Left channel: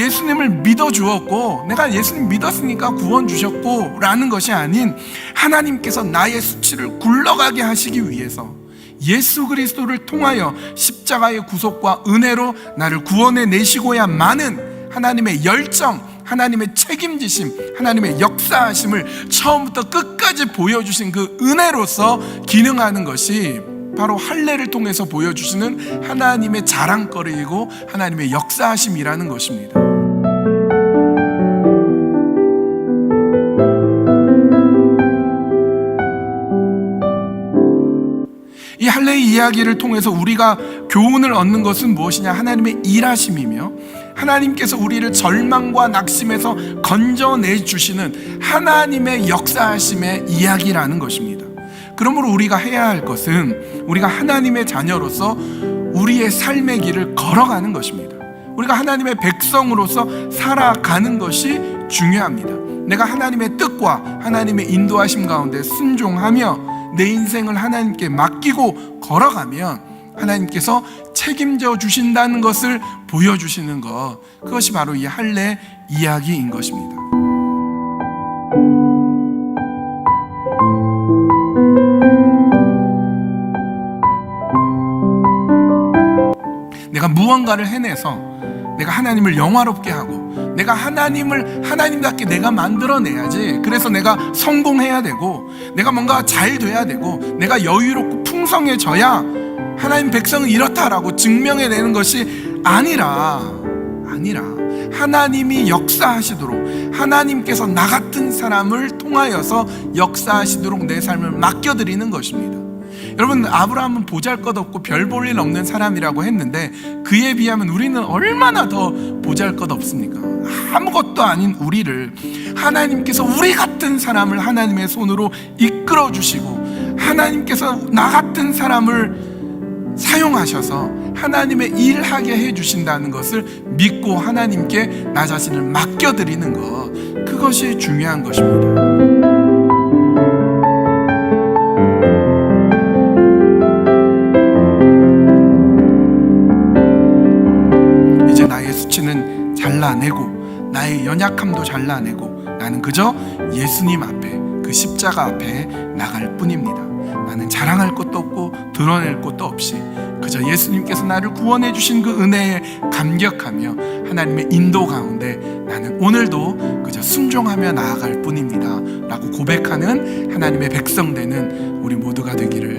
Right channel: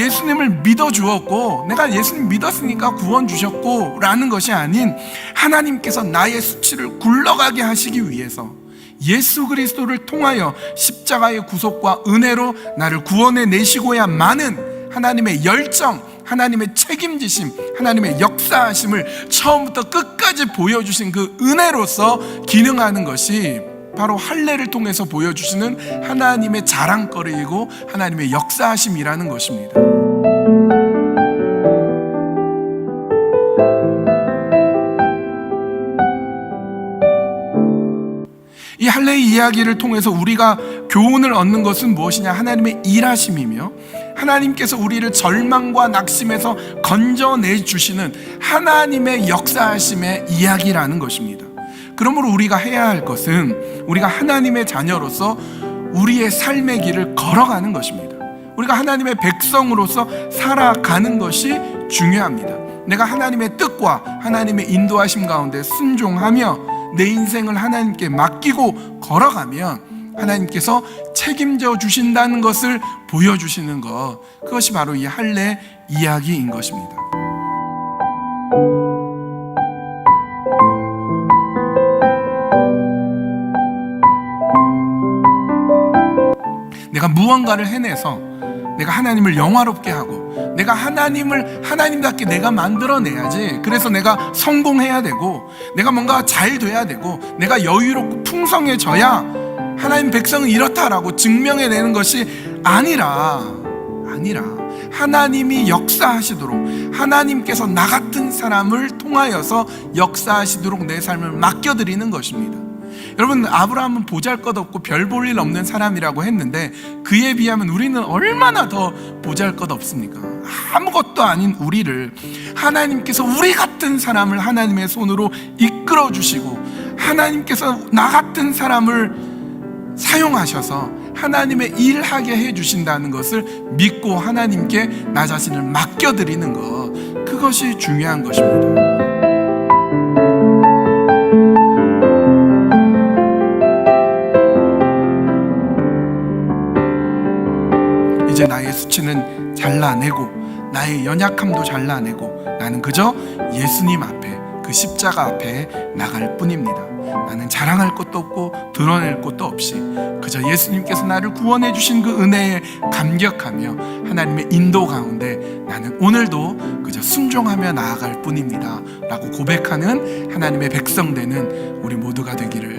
예수님을 믿어 주었고 내가 예수님 믿었으니까 구원 주셨고 라는 것이 아닌, 하나님께서 나의 수치를 굴러가게 하시기 위해서 예수 그리스도를 통하여 십자가의 구속과 은혜로 나를 구원해 내시고야만은 하나님의 열정, 하나님의 책임지심, 하나님의 역사하심을 처음부터 끝까지 보여주신 그 은혜로서 기능하는 것이 바로 할례를 통해서 보여주시는 하나님의 자랑거리이고 하나님의 역사하심이라는 것입니다. 이 할례의 이야기를 통해서 우리가 교훈을 얻는 것은 무엇이냐? 하나님의 일하심이며 하나님께서 우리를 절망과 낙심에서 건져내 주시는 하나님의 역사하심의 이야기라는 것입니다. 그러므로 우리가 해야 할 것은 우리가 하나님의 자녀로서 우리의 삶의 길을 걸어가는 것입니다. 우리가 하나님의 백성으로서 살아가는 것이 중요합니다. 내가 하나님의 뜻과 하나님의 인도하심 가운데 순종하며 내 인생을 하나님께 맡기고 걸어가면 하나님께서 책임져 주신다는 것을 보여주시는 것, 그것이 바로 이 할례 이야기인 것입니다. 내가 무언가를 해내서 내가 하나님을 영화롭게 하고 내가 하나님을 하나님답게 내가 만들어내야지, 그래서 내가 성공해야 되고 내가 뭔가 잘 돼야 되고 내가 여유롭고 풍성해져야 하나님 백성은 이렇다라고 증명해내는 것이 아니라 하나님이 역사하시도록, 하나님께서 나 같은 사람을 통하여서 역사하시도록 내 삶을 맡겨드리는 것입니다. 여러분, 아브라함은 보잘것없고 별 볼 일 없는 사람이라고 했는데 그에 비하면 우리는 얼마나 더 보잘것없습니까? 아무것도 아닌 우리를 하나님께서 우리 같은 사람을 하나님의 손으로 이끌어 주시고 하나님께서 나 같은 사람을 사용하셔서 하나님의 일하게 해주신다는 것을 믿고 하나님께 나 자신을 맡겨드리는 것, 그것이 중요한 것입니다. 이제 나의 수치는 잘라내고 나의 연약함도 잘라내고 나는 그저 예수님 앞에, 그 십자가 앞에 나갈 뿐입니다. 나는 자랑할 것도 없고 드러낼 것도 없이 그저 예수님께서 나를 구원해 주신 그 은혜에 감격하며 하나님의 인도 가운데 나는 오늘도 그저 순종하며 나아갈 뿐입니다 라고 고백하는 하나님의 백성 되는 우리 모두가 되기를